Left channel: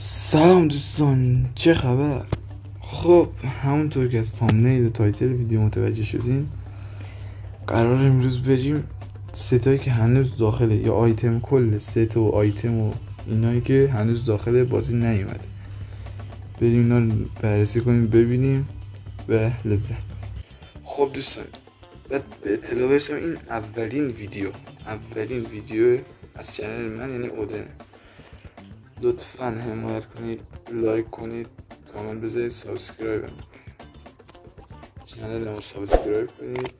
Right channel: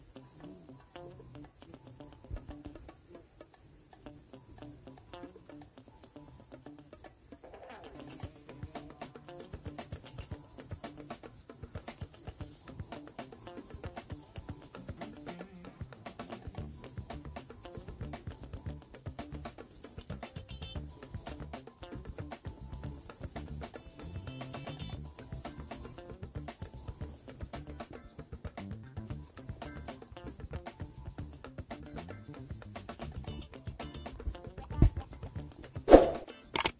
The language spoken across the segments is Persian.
سلام دوستان، چه خبر؟ خب همونطور که از تامنیل و تایتل ویدیو متوجه شدین، قرار امروز بریم ستایی که هنوز داخله یا آیتم، کل ست و آیتم و اینایی که هنوز داخل بازی نیومده، بریم اینا رو بررسی کنیم، ببینیم و لذت. خب دوستان، بعد به اطلاع برسم، این اولین ویدیو از چنل من یعنی اودن. لطفاً حمایت کنید، لایک کنید، کامنت بذارید، سابسکرایب چنل رو سابسکرایب کنید،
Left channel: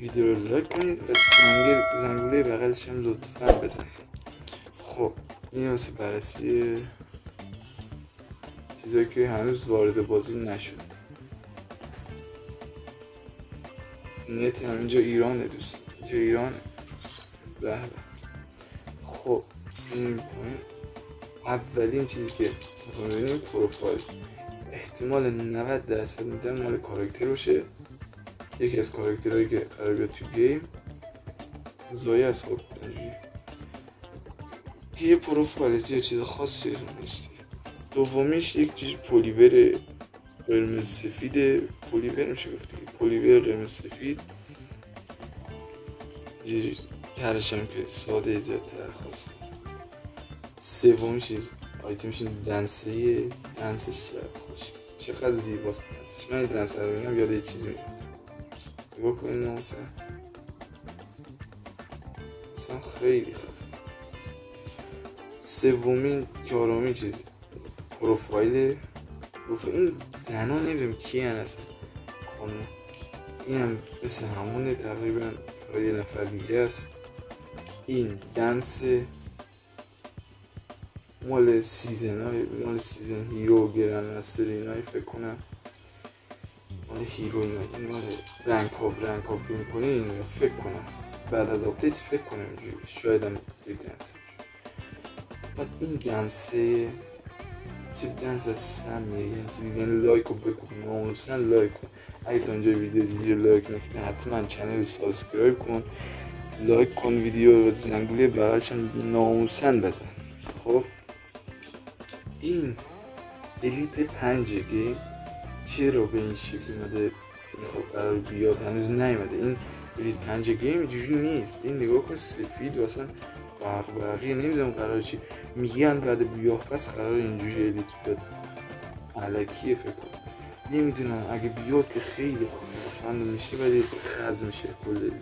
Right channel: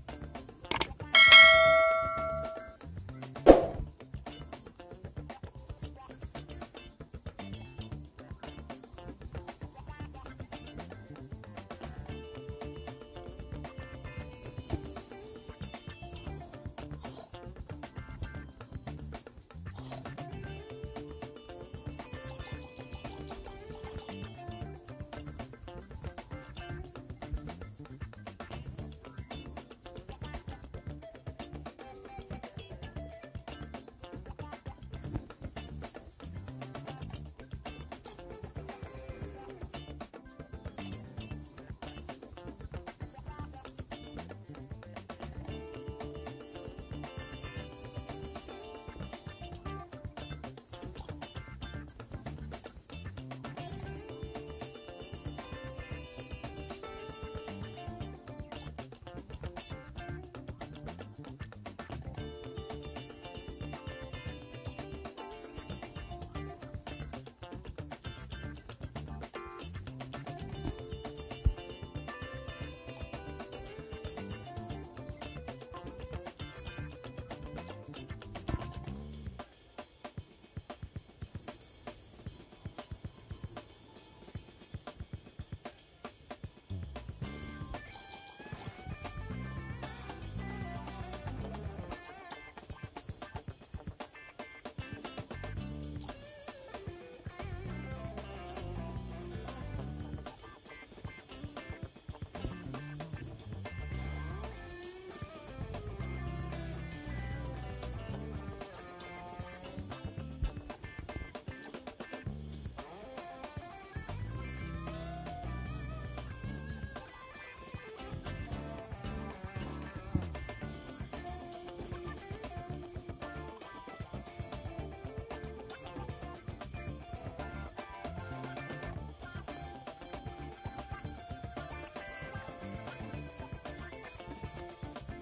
ویدیو رو لایک کنید و زنگوله بغلش هم لطفاً بزنید. خب این واسه بررسی چیزایی که هنوز وارد بازی نشد. نت همینجا ایرانه دوست، اینجا ایرانه. بله. خب این اولین چیزی که میخوام ببینیم پروفایل. احتمال 90% میدن مال کاراکتر باشه، یکی از کاراکترهایی که قرار بیاد تو گیم. زایه از خب یه پروفایل یه چیز خاصی نیست. دومیش یک چیز پولیور قرمز سفید، پولیور میشه گفت، پولیور قرمز سفید. یه ترشم که ساده زیادتر خاص. سومیش آیتمش دنسه، دنسش چقدر زیباست. من دنسه رو ببینم یاد یه چیزی نگاه کنید، مثلا خیلی خوب. سومین چهارمین چیز پروفایل. این زنها نمیدونم کی هست، این هم مثل همونه تقریبا، یه نفر دیگه است. این دنس مال سیزن هیرو گرن مستر اینایی فکر کنم، مال هیرو اینایی، مال رنگ ها که میکنه این فکر کنم بعد از آپدیت فکر کنم اینجوری، شاید هم دنس. بعد این دنسه چه دنس سمیه، یعنی لایک رو بکن، ناموسن لایک کن. اگه تا اونجا ویدیو دیدی لایک نکنی حتما چنل رو سابسکرایب کن، لایک کن، ویدیو رو زنگوله بغلش هم ناموسن بزن. خب این الیت 5 گیم چرا به این شکل اومده، میخواد قرار بیاد، هنوز نیومده. این الیت 5 گیم اینجوری نیست. این نگاه کن سفید و اصلا برقی نمیدونم قرار چی میگن، بعد بیاه پس قرار اینجوری الیت بیاد. علکیه فکر کنم، نمیدونم. اگه بیاد که خیلی خوب فند میشه، ولی خز میشه کل الیت.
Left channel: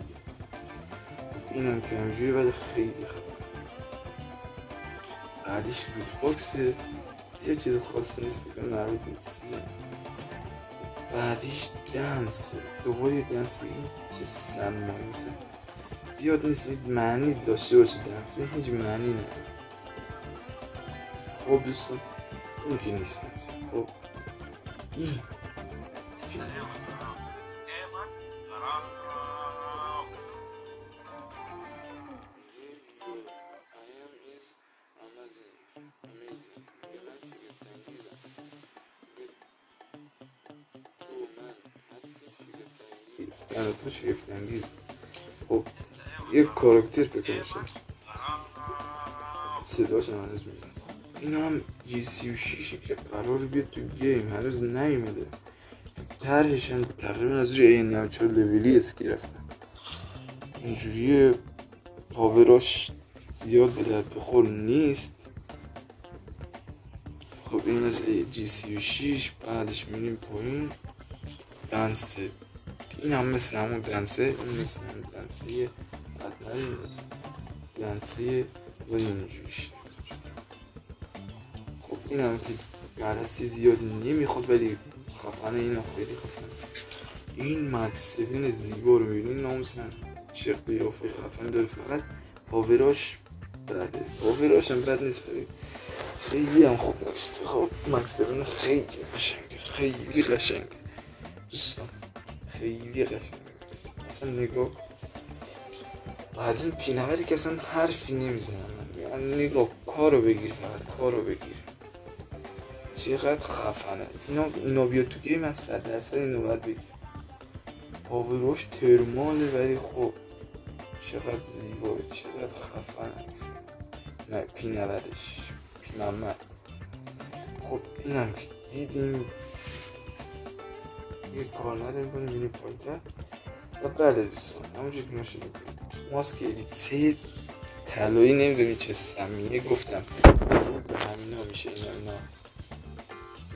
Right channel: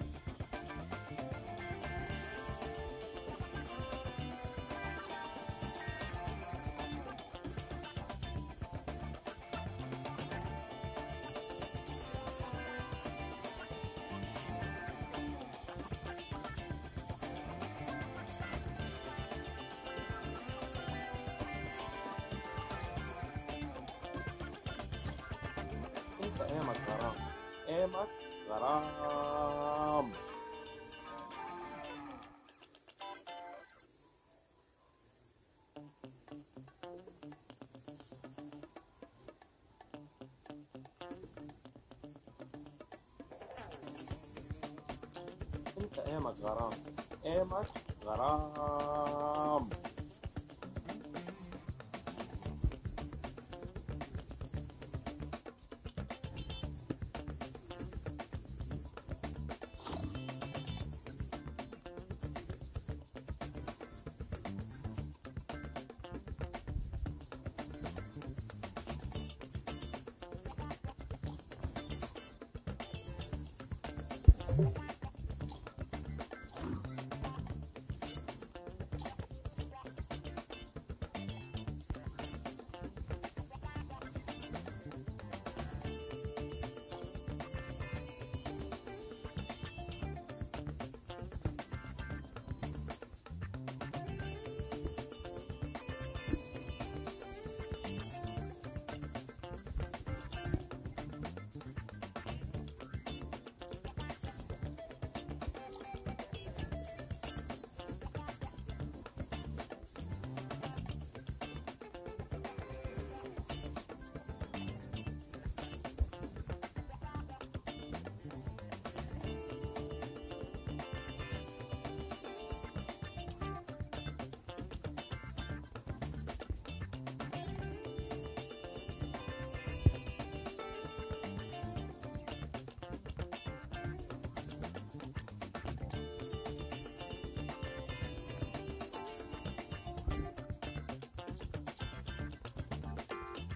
این هم که اینجوری ولی خیلی خوب. بعدیش لوت باکسه، یه چیز خاصی نیست فکر کنم، مربوط نیست. بعدیش دنس، دوباره دنس که سمی زیاد نیست، معنی داشته باشه دنس، هیچ معنی نداره. خب دوستان این که نیست. خب این تو شگفت‌انگیز. خب یک کاراکتر فکر کنم صداش هنوز میاد. این هم G36 که قرار بیاد تو گیم، هنوز نیومده. طرحش هم تقریبا از روی این 94 لولی اسکی رفته. اینجوری پاوراش زیاد به درد بخور نیست. خب این از G36. بعدش میریم پایین. دنسه، این هم مثل همون دنسه، این مثل همون دنسه دنسه ولی اینجوری شد. خب این هم که بررسی زیاد نمیخواد ولی خفنه. این هم خیلی خفنه. این مدسفین زیبا رو میبینین، ناموسن چه قیافه خفنه داره. فقط پاوراش بده، پاوراش هم بد نیست، خیلی هم خوب نیست. خب مدسفین خیلی قشنگه، خیلی قشنگه دوستان، خیلی قشنگه. اصلا نگاه بعد این پینوری که اصلا حرفی نمیزنم، یعنی نگاه کارو بگیر، فقط کارو بگیر. چقدر خفنه اینا بیاد تو گیم، از 100% اینو باید بگیر. پاوراش ترماله ولی خب چقدر زیبا، چقدر خفنه. نه پینورش، پینامه اینم که دیدیم یه کارنر میکنیم میره پایتر و بله دوستان همونجور که نشده ماسک ادیت طلایی نمیدونی چه سمیه گفتم همین ها میشه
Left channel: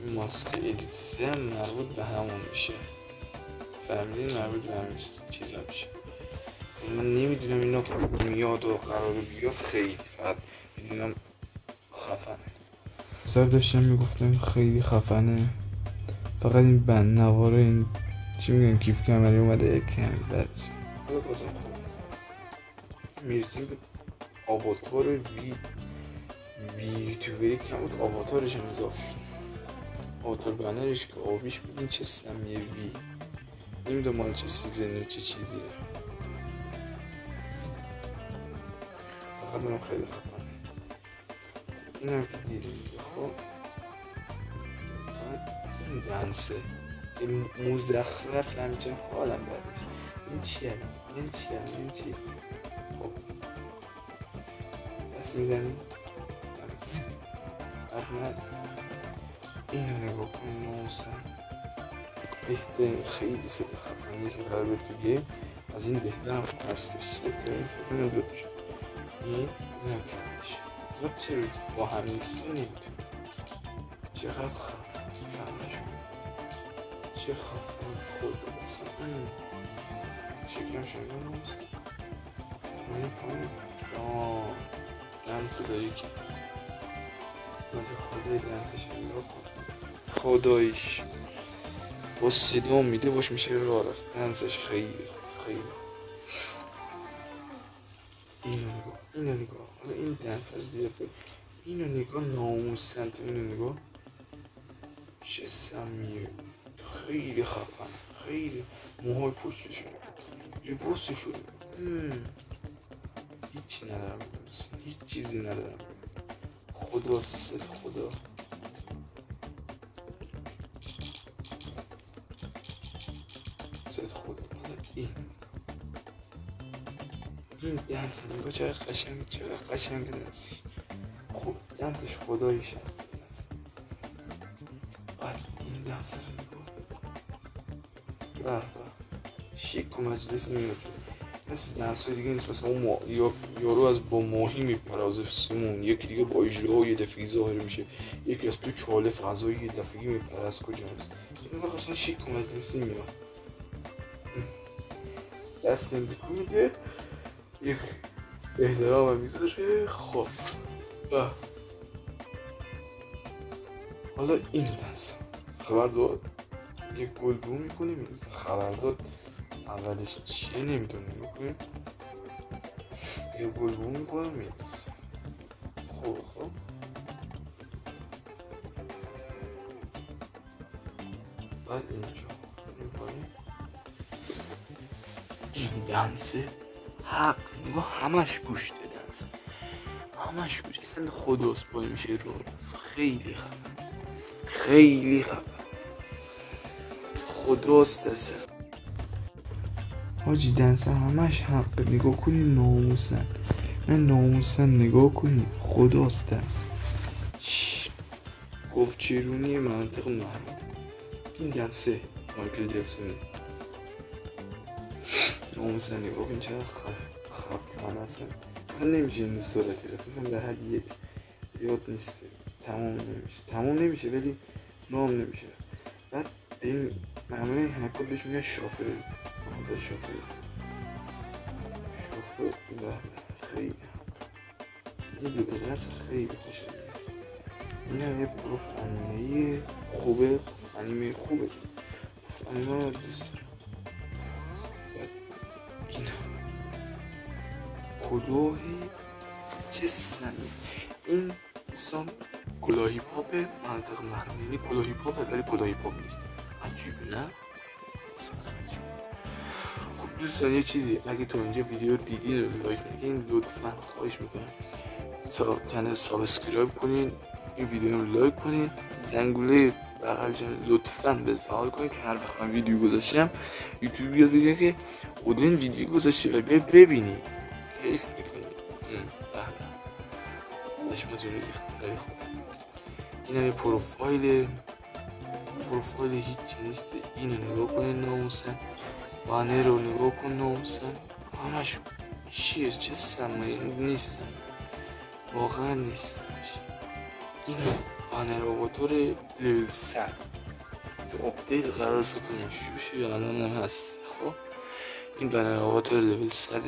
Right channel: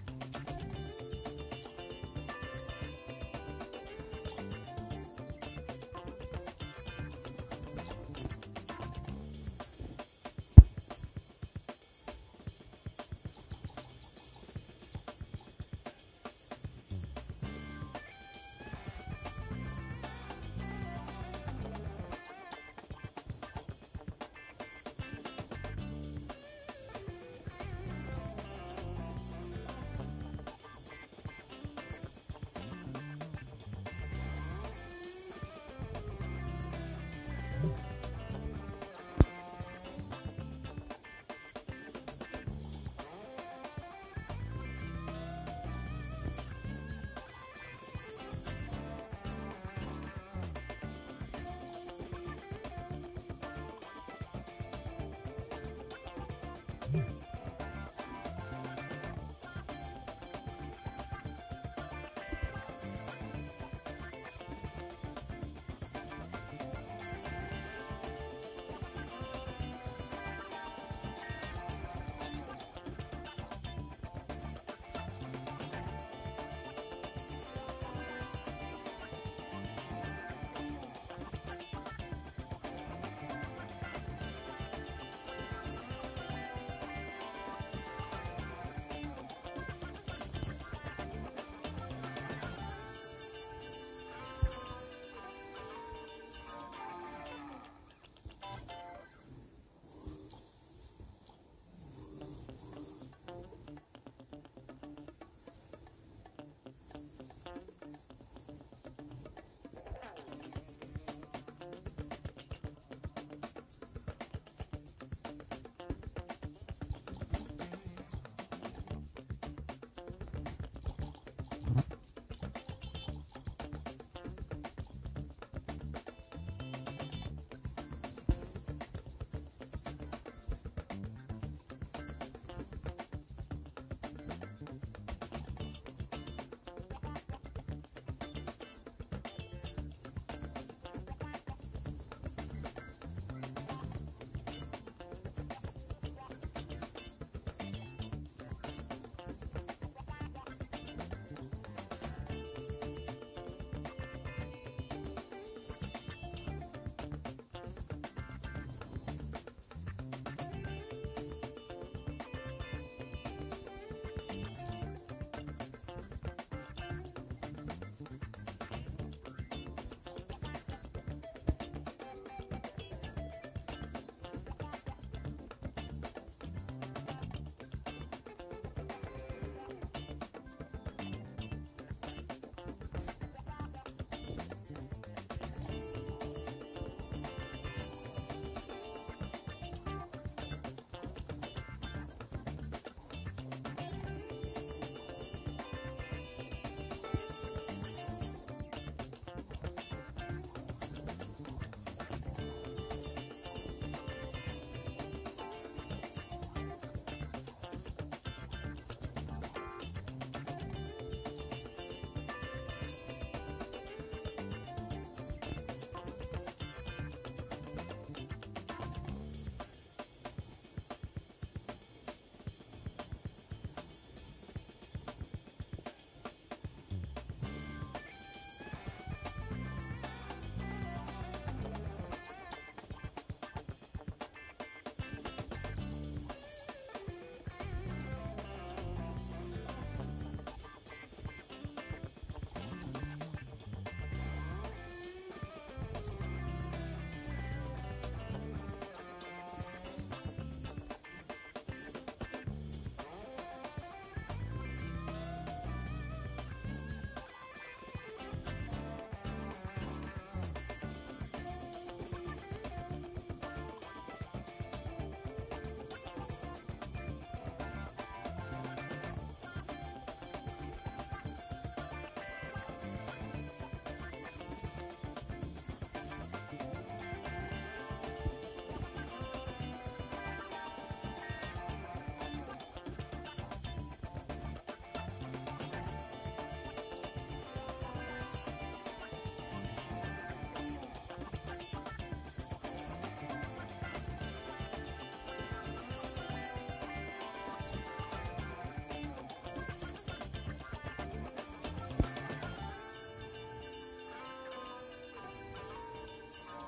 این ماسک ادیت هم مربوط به همون میشه فهمیدین مربوط به همین چیزا میشه من نمیدونم اینا میاد و قرار بیاد خیلی فقط میدونم خفنه سر داشتم میگفتم خیلی خفنه فقط این بند نواره این چی میگن کیف کمری اومده کم بد میرسیم به آواتار وی یوتیوبری کم بود آواتارش هم اضافه شد آواتار بنرش که آبیش بود این چه سمیه وی این دو مال چه سیزنه چه چیزیه فقط من خیلی خفنه این هم که دیدیم خب این بنسه این مزخرف همچنین حالم برد این چیه این چیه خب پس میزنیم اول اینو نگاه کنیم موسم بهترین خیلی ست خفنیه که قرار تو گیم از این بهتر هم هست ست اینو دوتش این نکنش تو چه با همین سی نمیتونی چقدر خفن چه خفن خود مثل این شکرم شده این کنم دنسو داری که خدای دنسش خدایش با صدا میده باش میشه راه رفت دنسش خیلی اینو نگاه حالا این دنسر زیاد بود اینو نگاه ناموسن تو اینو نگاه چه سمیه خیلی خفن خیلی موهای پشتشون لباسشون هیچی ندارم هیچ چیزی ندارم خدا ست خدا این دنس نگاه چقدر قشنگ دنسش خب دنسش خداییش هست این دنس نگاه شیک و مجلس نمیده مثل دنس های دیگه نیست مثل اون یارو از با ماهی میپرازه سمون یکی دیگه با اجرا یه دفعی ظاهر میشه یکی از تو چاله فضایی یه دفعی میپرست کجاست این نگاه قشنگ شیک و مجلسی میاد دست میده یک احترام میذاره خب حالا این دست خبر داد یک گلبو میکنیم خبر داد اولش چیه نمیدونیم بکنیم یک گلبو میکنم میدونست خب بعد اینجا میکنیم این دنسه حق نگاه همش گوش دادن همش گوش اصلا خداست پای میشه رو خیلی خفن خداست اصلا حاجی دنسه همش حق نگاه کنی ناموسن نگاه کنی خداست دنسه گفت چیرونی منطق این دنسه مایکل جکسون ناموسن نگاه کنی چرا خفن اصلا من نمیشه این صورتی رفت اصلا در حد یک یاد نیست تمام نمیشه ولی نام نمیشه بعد این معمولا حرکات بهش میگن شافل خیلی این دو درد خیلی خوشه این هم یه پروف انیمه خوبه انیمه رو دوست کلاهی چه سمی این دوستان کلاهی پاپ منطق محرم یعنی کلاهی پاپ ولی کلاهی پاپ نیست عجیب نه خب دوستان یه چیزی اگه تو اینجا ویدیو دیدین و لایک نگین لطفا خواهش میکنم کانال سابسکرایب کنین این ویدیو رو لایک کنین زنگوله بغلش لطفا به فعال کنین که هر وقت من ویدیو گذاشتم یوتیوب بیاد بگه که خودین ویدیو گذاشتی و ببینید کیف میکنید اینم پروفایل هیچی نیست. اینو نگاه کنین ناموسن، بانر رو نگاه کن ناموسن، همش چیه؟ چه سمه نیستن، واقعا نیستن. اینو بانر آواتور لیول 100 اپدیت قرار فکر کنم بشه یا الان هم هست. خب این بانر آواتور لیول 100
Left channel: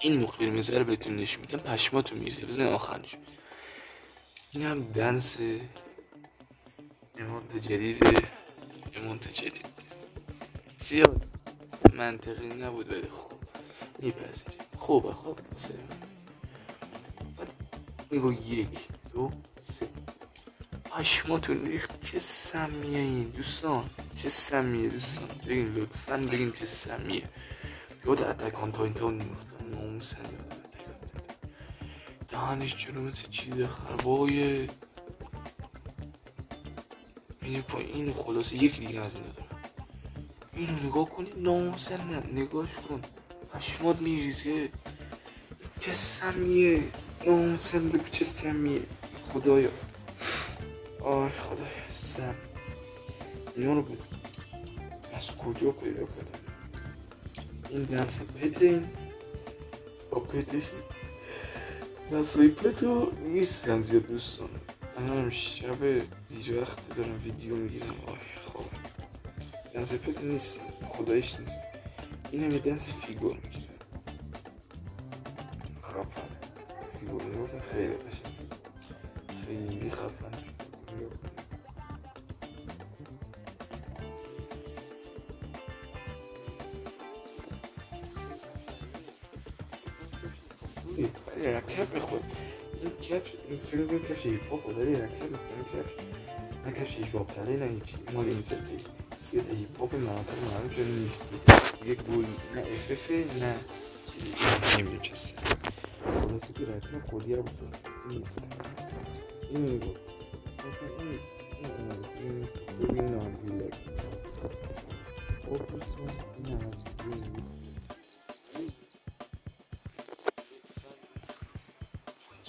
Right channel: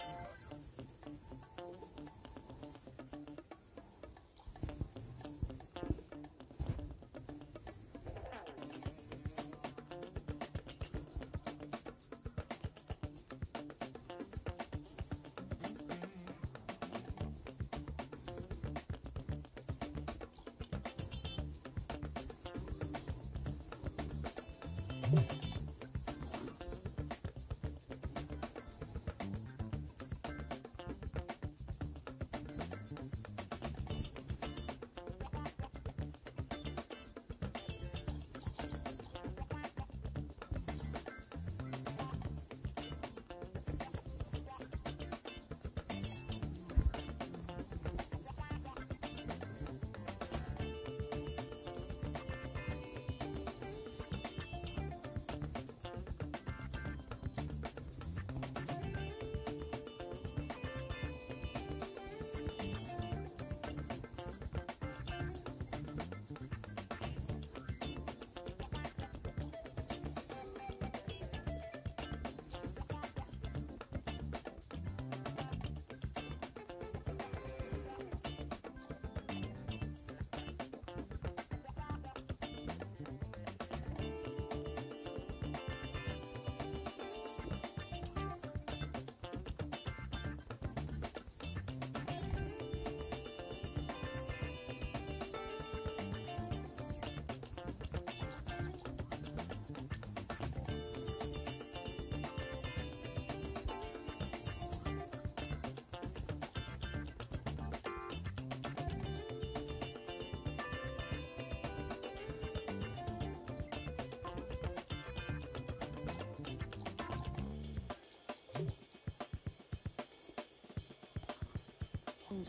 این نو قرمزه رو بهتون نشون میدم، پشماتون میریزه. بزنین آخرش. این هم دنس ایمونت جدید زیاد منطقی نبود ولی خوب میپذیریم. خوبه نگاه 1 2 3 پشماتون ریخت. چه سمیه این دوستان، چه سمیه دوستان، بگین لطفاً بگین چه سمیه. یاد اتک آن تایتان میفتم ناموسن، دهنش جلو مثل چیز خربایه میره پایین. خلاصه یک دیگه از اینو نگاه کنی ناموسن، نگاهش کن پشمات میریزه. چه سمیه ناموسن، بگو چه سمیه. خدایا آی خدایا سم اینا رو بزن از کجا پیدا کنم. این دنس پتین با پتین دنسای پتو نیستن زیاد دوستان. من هم شب دیر وقت دارم ویدیو میگیرم. خب دنس پتو نیست، خدایش نیست. این هم یه دنس فیگور میگیرم. خفن فیگور خیلی بشه، خیلی خفن. ولی رکب میخورد این کف. این فیلم این کفش هیپاپ داره رکب میخورد. نه کفش هیپاپ تره نه هیچی، مال این سیت هیپاپ مناطق معلوم شده نیست. یک گل نه اففه نه نمیچسته. خلاصه که رکب خودی رو بکنم این نگاه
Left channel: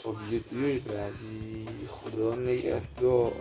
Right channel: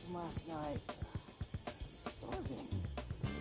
تا ویدیوی بعدی. خدا نگهدار.